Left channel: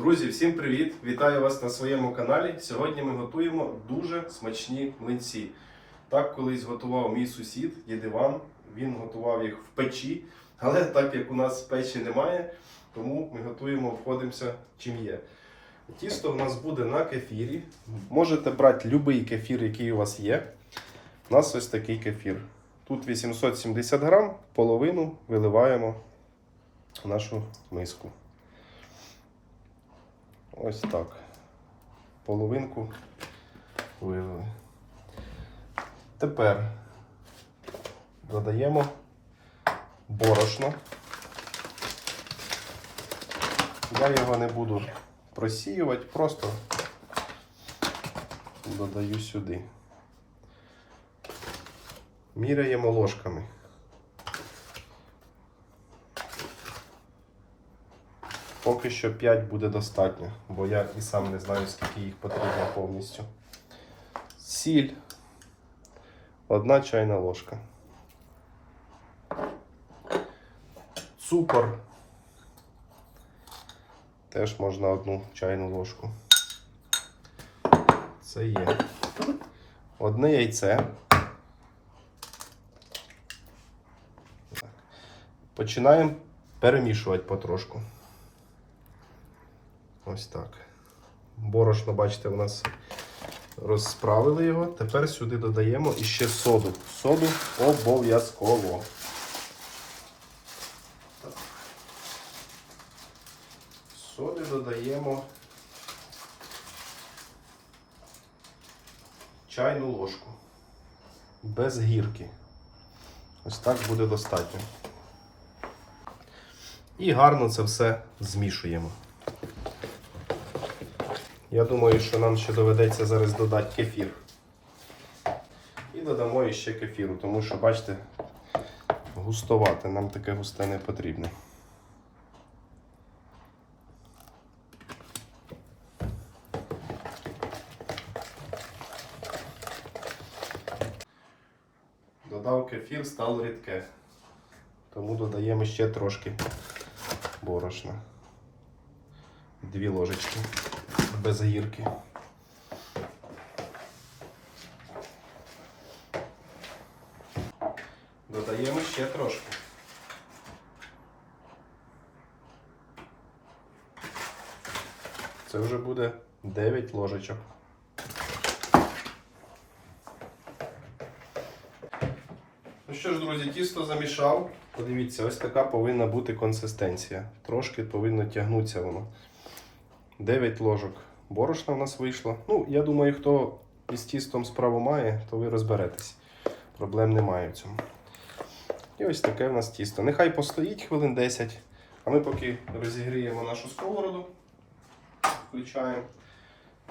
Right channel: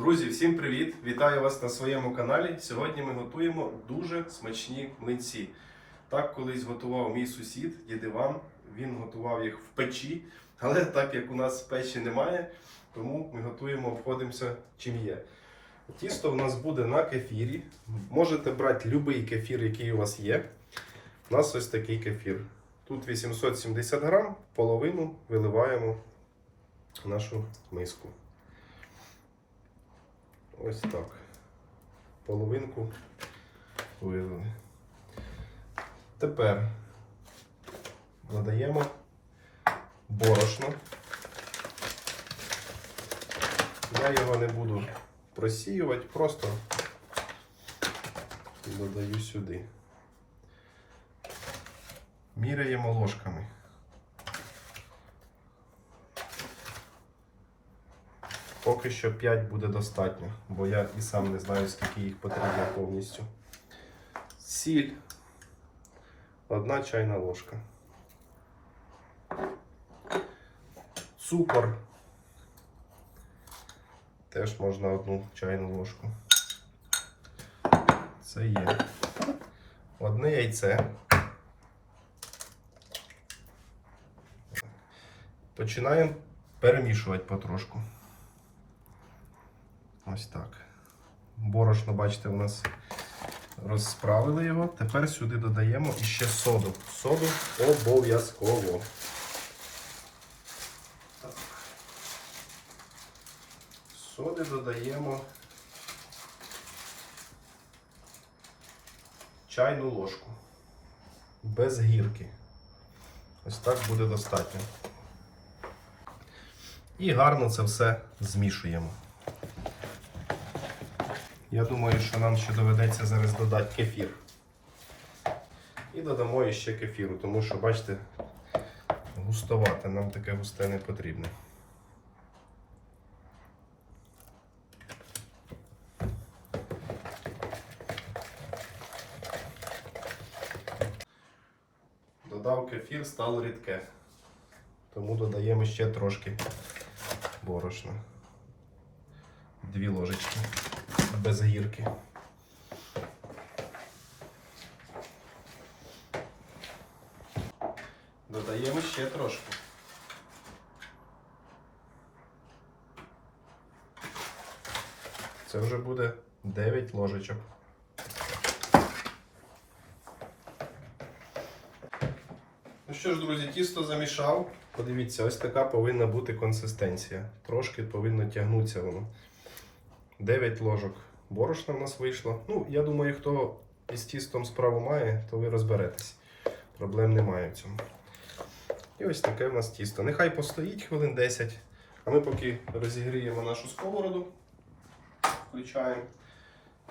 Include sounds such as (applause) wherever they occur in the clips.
Друзі, всім привіт! Вітаю вас на своєму каналі. Сьогодні ми готуємо дуже смачні млинці. Так колись готував мій сусід дід Іван. Він готував їх в печі, але так як у нас печі немає, тому ми готуємо, обходимося чим є. Тісто в нас буде на кефірі. Можете брати будь-який кефір, який у вас є. У нас ось такий кефір. Тут 870 грам, половину виливаємо в нашу миску. Ось так. Половинку вилили. Тепер додаємо борошно. Я його не буду просіювати, просто додаю сюди. Міряємо ложками. Поки що 5 буде достатньо, бо я і сам не знаю, скільки їх потрібно повністю. Сіль. Одна чайна ложка. Цукор. Теж можна одну чайну ложку. Це є. Одне яйце. Починаємо перемішувати потрошку. Ось так. Борошно, бачите, у нас розправили його. Тепер сюди додаємо іще соду. Соду обов'язково. Соди додаємо чайну ложку. Без гірки. Ось так буде достатньо. І гарно це все змішуємо. Я думаю, що нам ще доведеться зараз додати кефір. І додамо іще кефіру, тому що, бачите, густовате, нам таке густе не потрібно. Додав кефір, стало рідке. Тому додаємо ще трошки борошна. Дві ложечки без гірки. Додаємо ще трошки. Це вже буде 9 ложечок. Ну що ж, друзі, тісто замішав. Подивіться, ось така повинна бути консистенція. Трошки повинно тягнутися воно. 9 ложок борошна в нас вийшло. Ну, я думаю, хто із тістом справу має, то ви розберетесь. Проблем немає в цьому. І ось таке в нас тісто. Нехай постоїть хвилин 10, а ми поки розігріємо нашу сковороду, включаємо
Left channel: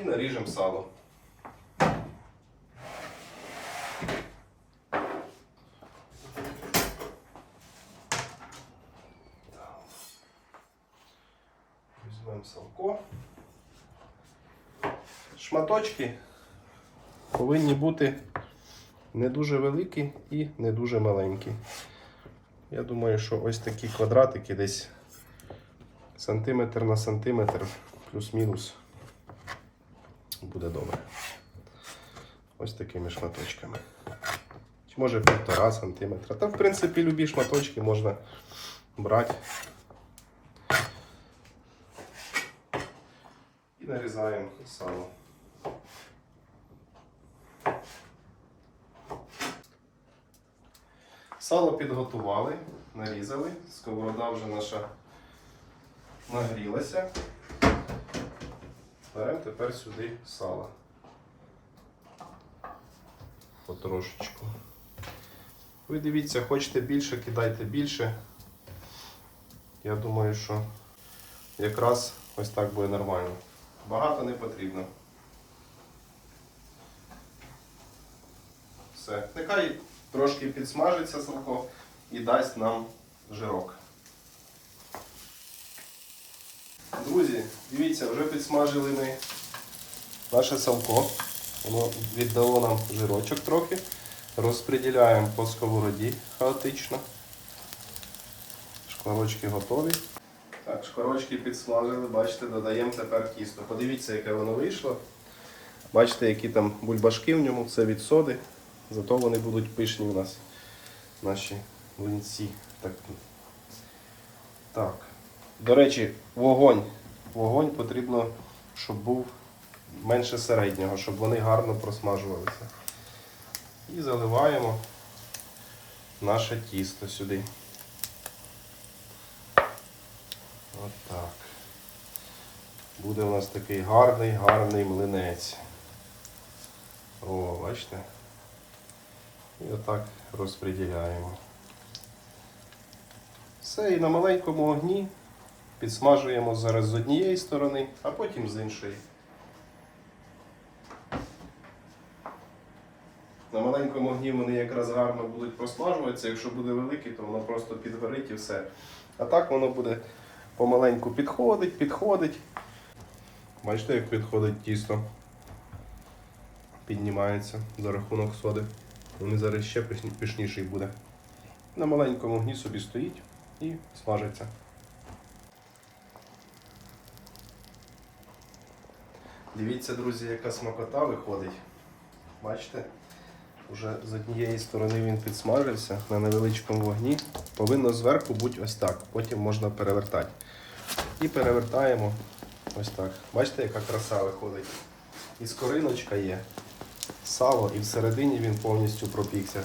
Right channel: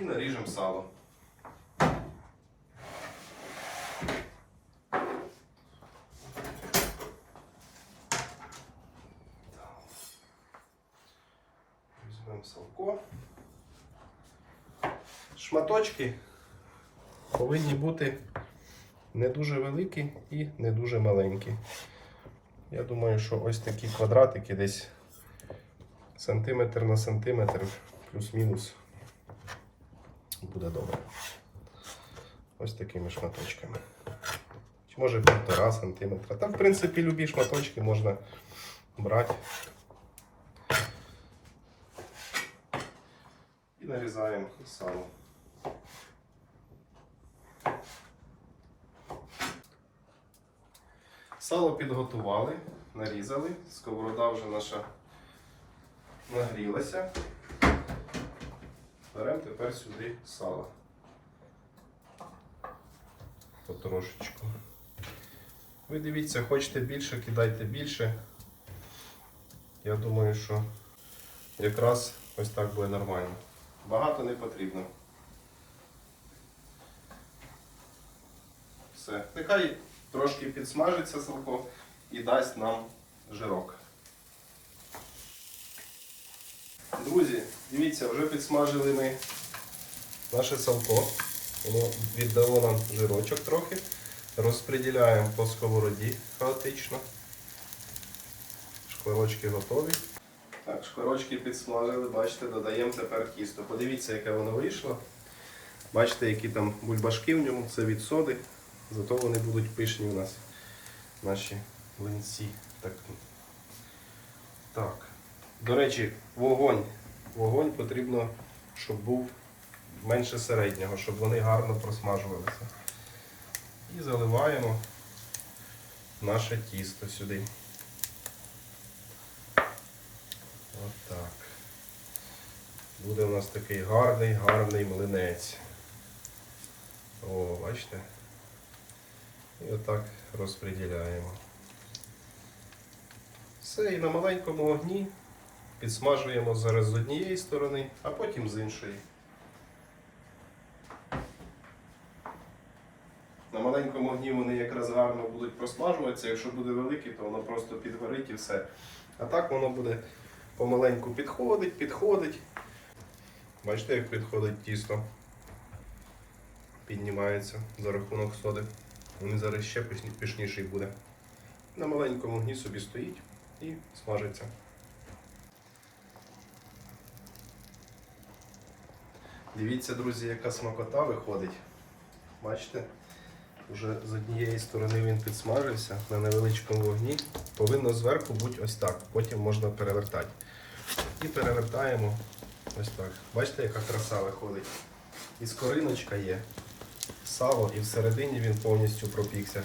і наріжемо сало. Візьмемо салко. Шматочки повинні бути не дуже великі і не дуже маленькі. Я думаю, що ось такі квадратики десь сантиметр на сантиметр, плюс-мінус, буде добре. Ось такими шматочками. Чи може півтора сантиметра. Та, в принципі, любі шматочки можна брати. І нарізаємо сало. Сало підготували, нарізали, сковорода вже наша нагрілася. Беремо тепер сюди сало. Потрошечку. Ви дивіться, хочете більше, кидайте більше. Я думаю, що якраз ось так буде нормально. Багато не потрібно. Все. Нехай трошки підсмажиться салко і дасть нам жирок. Друзі, дивіться, вже підсмажили ми наше салко. Воно віддало нам жирочок трохи. Розподіляємо по сковороді хаотично. Шкварочки готові. Так, шкварочки підсмажили, бачите, додаємо тепер тісто. Подивіться, яке воно вийшло. Бачите, які там бульбашки в ньому, це від соди. Зато вони будуть пишні у нас, наші млинці. Так. так. До речі, вогонь. Вогонь потрібно, щоб був менше середнього, щоб вони гарно просмажувалися. І заливаємо наше тісто сюди. Отак. Буде у нас такий гарний, гарний млинець. О, бачите? І отак розподіляємо. Все, і на маленькому огні підсмажуємо зараз з однієї сторони, а потім з іншої. На маленькому огні вони якраз гарно будуть просмажуватися. Якщо буде великий, то воно просто підгорить і все. А так воно буде помаленьку підходить, підходить. Бачите, як підходить тісто. Піднімається за рахунок соди. Вони зараз ще пишніший буде. На маленькому огні собі стоїть і смажиться. Дивіться, друзі, яка смакота виходить. Бачите? Уже з однієї сторони він підсмажився на невеличкому вогні. Повинно зверху бути ось так. Потім можна перевертати. І перевертаємо ось так. Бачите, яка краса виходить. І скориночка є, сало, і всередині він повністю пропікся.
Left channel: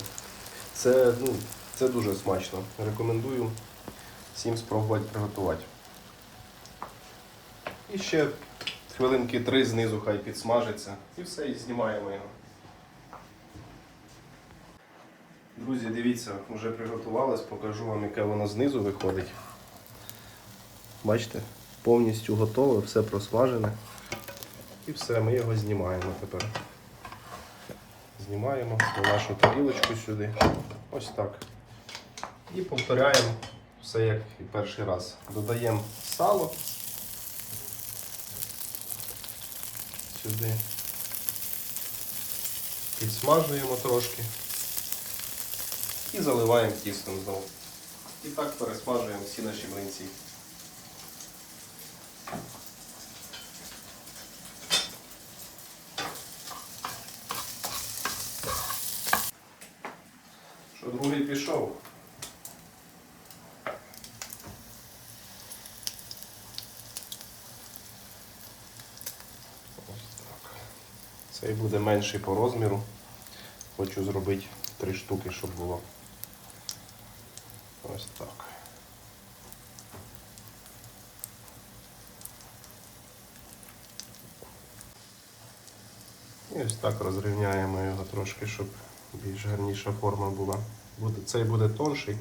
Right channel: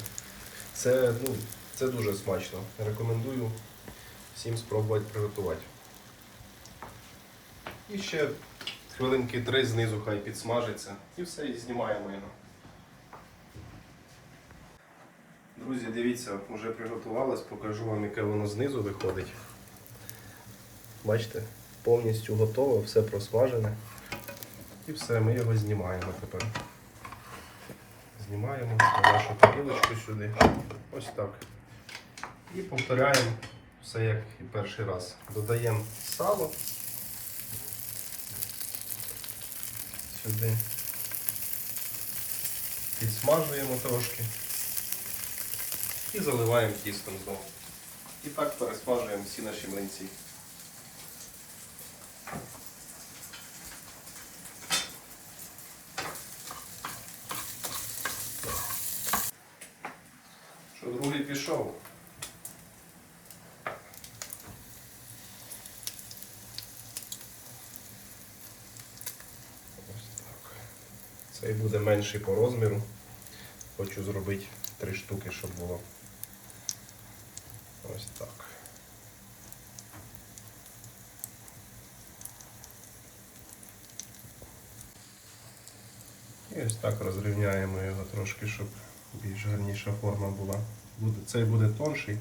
Це, ну, це дуже смачно. Рекомендую всім спробувати приготувати. І ще хвилинки три знизу хай підсмажиться. І все, і знімаємо його. Друзі, дивіться, вже приготувалось, покажу вам, яке воно знизу виходить. Бачите, повністю готове, все просмажене. І все, ми його знімаємо тепер. Знімаємо нашу тарілочку сюди. Ось так. І повторяємо все як і перший раз. Додаємо сало сюди. Підсмажуємо трошки. І заливаємо тістом знову. І так пересмажуємо всі наші млинці. Що другий пішов? Ось так. Цей буде менший по розміру. Хочу зробити три штуки, щоб було. Ось так. І ось так розрівняємо його трошки, щоб більш гарніша форма була. Цей буде тонший,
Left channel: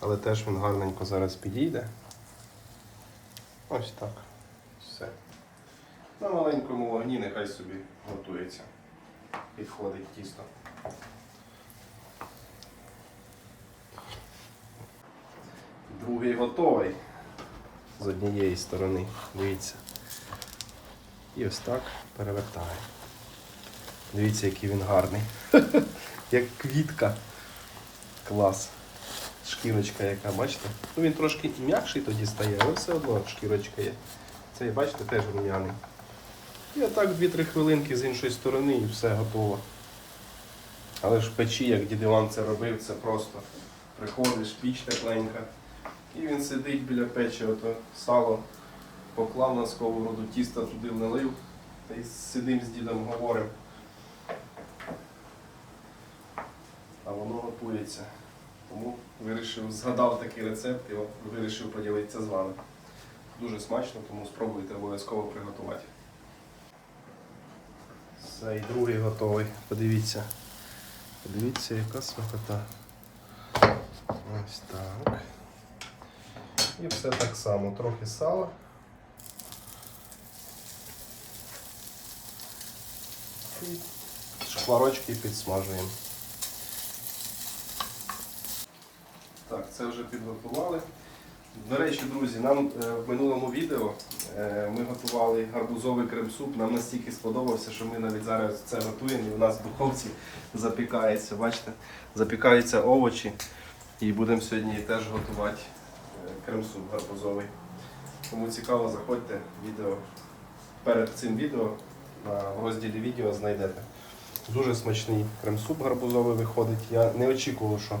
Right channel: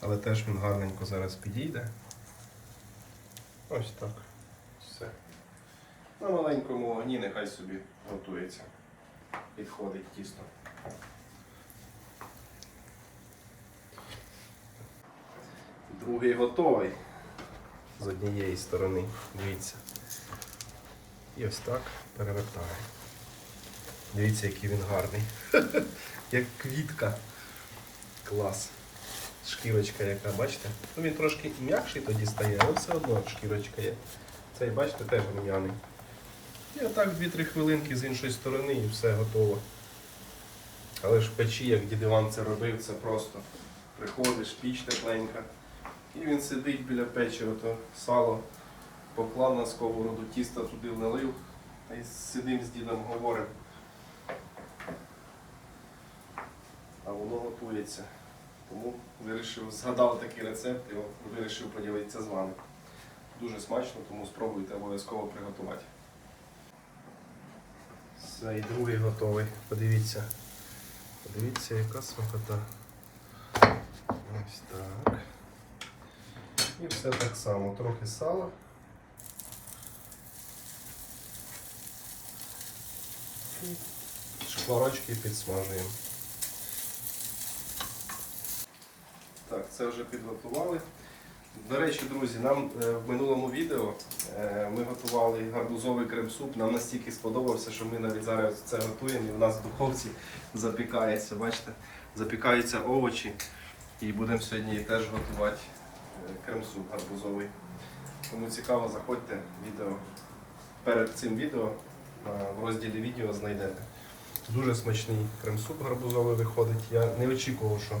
але теж він гарненько зараз підійде. Ось так. Все. На маленькому вогні нехай собі готується. Підходить тісто. Другий готовий з однієї сторони. Дивіться. І ось так перевертаємо. Дивіться, який він гарний. (laughs) Як квітка. Клас. Шкірочка яка, бачите? Ну він трошки м'якший тоді стає, але все одно шкірочка є. Цей, бачите, теж рум'яний. І отак 2-3 хвилинки з іншої сторони і все готово. Але ж в печі, як дід Іван це робив, це просто. Приходиш, піч тепленька. І він сидить біля печі, ото сало поклав на сковороду, тісто туди налив. Та й сидим з дідом говоримо. А воно готується. Тому вирішив, згадав такий рецепт і вирішив поділитися з вами. Дуже смачно, тому спробуйте обов'язково приготувати. Все, і другий готовий. Подивіться. Подивіться, яка смакота. Ось так. І все так само. Трохи сала. І шкварочки підсмажуємо. Так, це вже підготували. До речі, друзі, нам е, в минулому відео е, ми готували гарбузовий крем-суп. Нам настільки сподобався, що ми навіть зараз це готуємо і у нас в духовці запікається. Бачите, запікаються овочі. І будемо сьогодні теж готувати крем-суп гарбузовий. Кому цікаво, заходьте відео. Перед цим відео в розділі відео знайдете. Дуже смачний крем-суп гарбузовий виходить. Я не очікував, що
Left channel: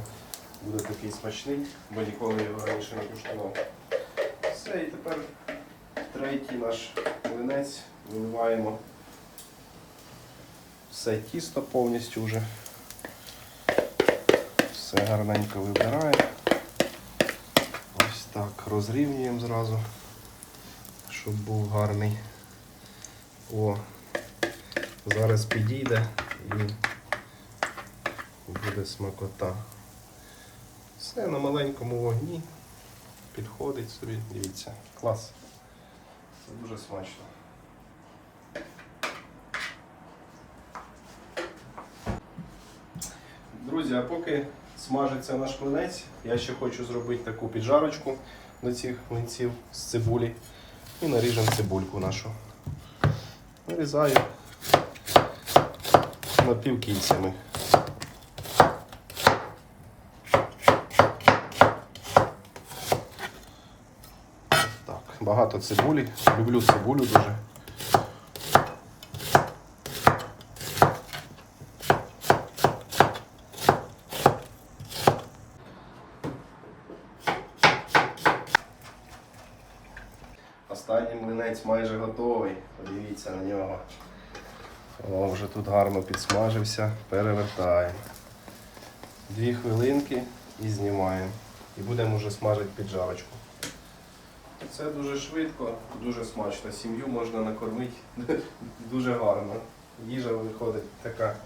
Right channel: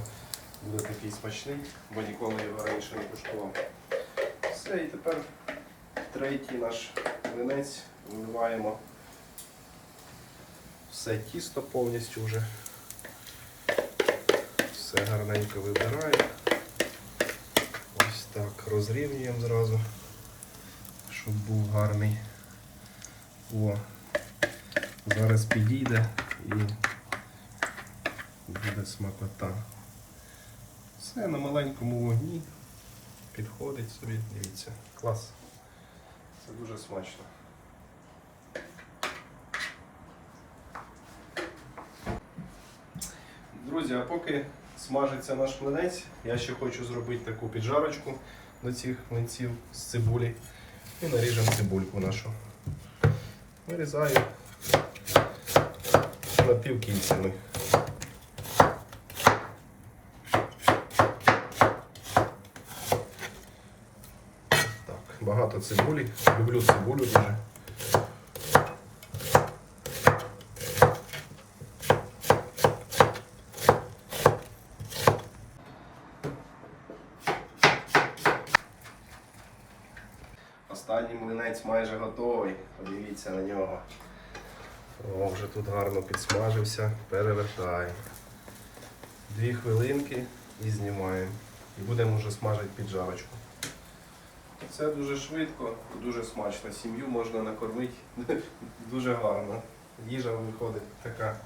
буде такий смачний, бо ніколи його раніше не куштував. Все, і тепер третій наш млинець виливаємо все тісто повністю вже. Все гарненько вибираємо. Ось так розрівнюємо зразу, щоб був гарний. О, зараз підійде і буде смакота. Все на маленькому вогні. Підходить собі, дивіться, клас. Це дуже смачно. Друзі, а поки смажиться наш млинець, я ще хочу зробити таку піджарочку до цих млинців з цибулі. І наріжемо цибульку нашу. Нарізаю напівкільцями. Так, багато цибулі. Люблю цибулю дуже. Останній млинець майже готовий. Подивіться на нього. О, вже тут гарно підсмажився. Перевертаємо. Дві хвилинки і знімаємо. І будемо вже смажити піджарочку. Це дуже швидко, дуже смачно. Сім'ю можна накормити (laughs) дуже гарно. Їжа виходить така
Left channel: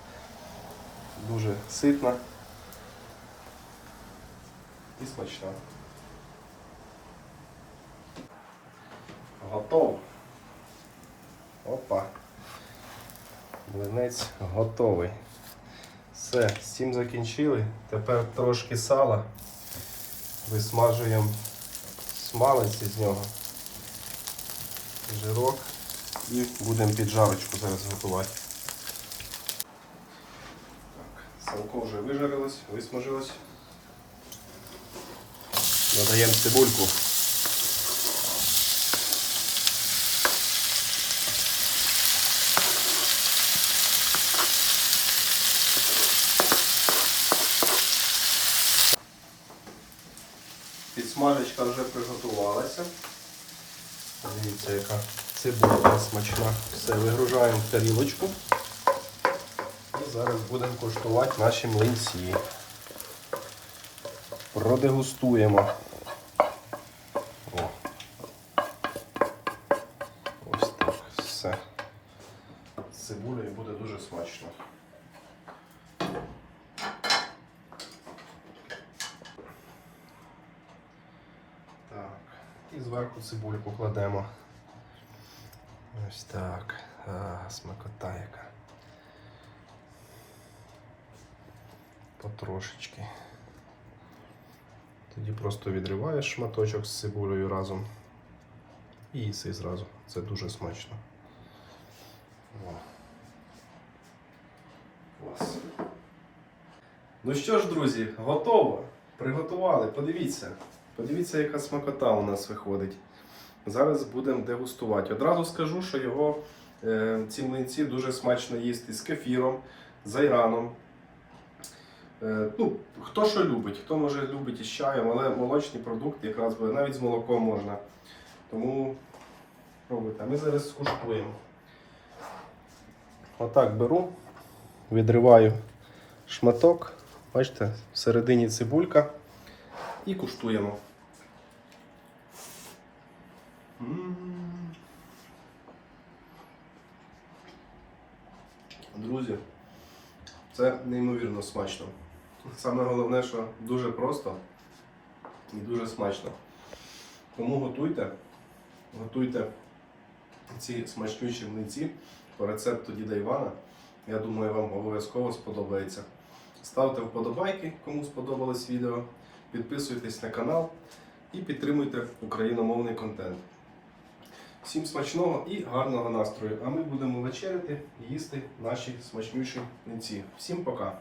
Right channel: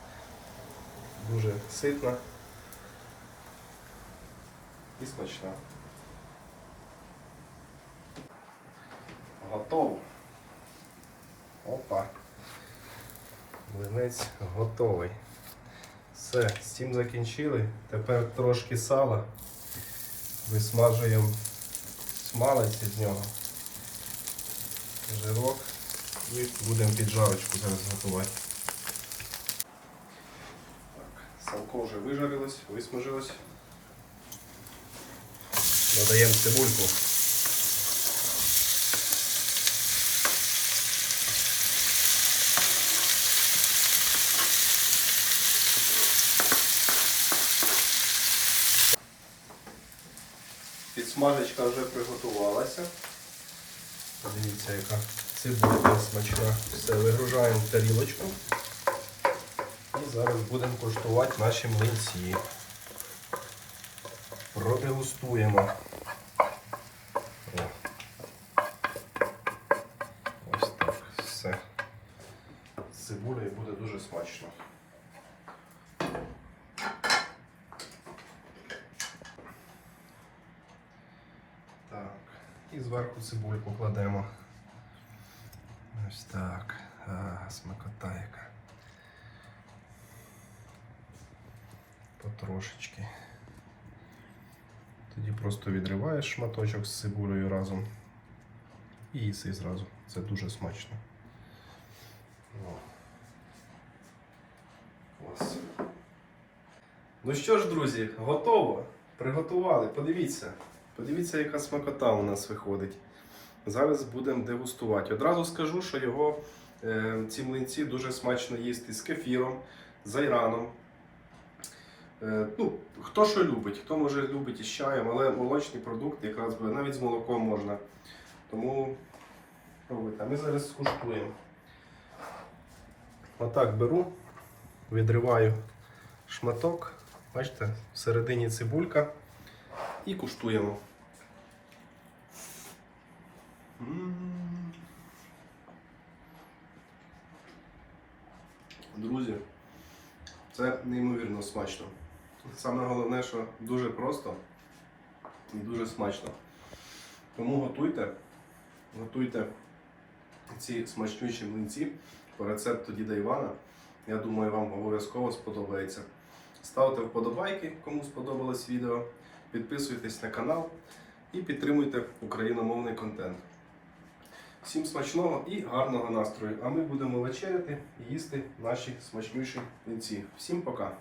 дуже ситна і смачна. Готово. Опа. Млинець готовий. Все, з цим закінчили. Тепер трошки сала. Висмажуємо смалець із нього. Жирок. І будемо піджарочку зараз готувати. Так, салко вже вижарилось, висмажилось. Додаємо цибульку. Підсмажечка вже приготувалася. Подивіться, яка цибуля смачна. Все, вигружаємо в тарілочку. І зараз будемо коштувати наші млинці. Продегустуємо. Ось так. Все. З цибулею буде дуже смачно. Так. І зверху цибульку кладемо. Ось так. А, смакота яка. Потрошечки. Тоді просто відриваєш шматочок з цибулею разом і їси зразу. Це дуже смачно. Ну що ж, друзі, готово. Приготували. Подивіться. Подивіться, яка смакота у нас виходить. Зараз будемо дегустувати. Одразу скажу, що його е, ці млинці дуже смачно їсти з кефіром, з айраном. Е, ну, хто що любить, хто може любить із чаєм, але молочні продукти якраз навіть з молоком можна. Тому пробуйте. А ми зараз скуштуємо. Отак беру, відриваю шматок. Бачите, всередині цибулька. І куштуємо. Друзі, це неймовірно смачно. Саме головне, що дуже просто і дуже смачно. Тому готуйте, готуйте ці смачнючі млинці по рецепту діда Івана. Я думаю, вам обов'язково сподобається. Ставте вподобайки, кому сподобалось відео. Підписуйтесь на канал і підтримуйте україномовний контент. Всім смачного і гарного настрою! А ми будемо вечеряти і їсти наші смачніші млинці. Всім пока!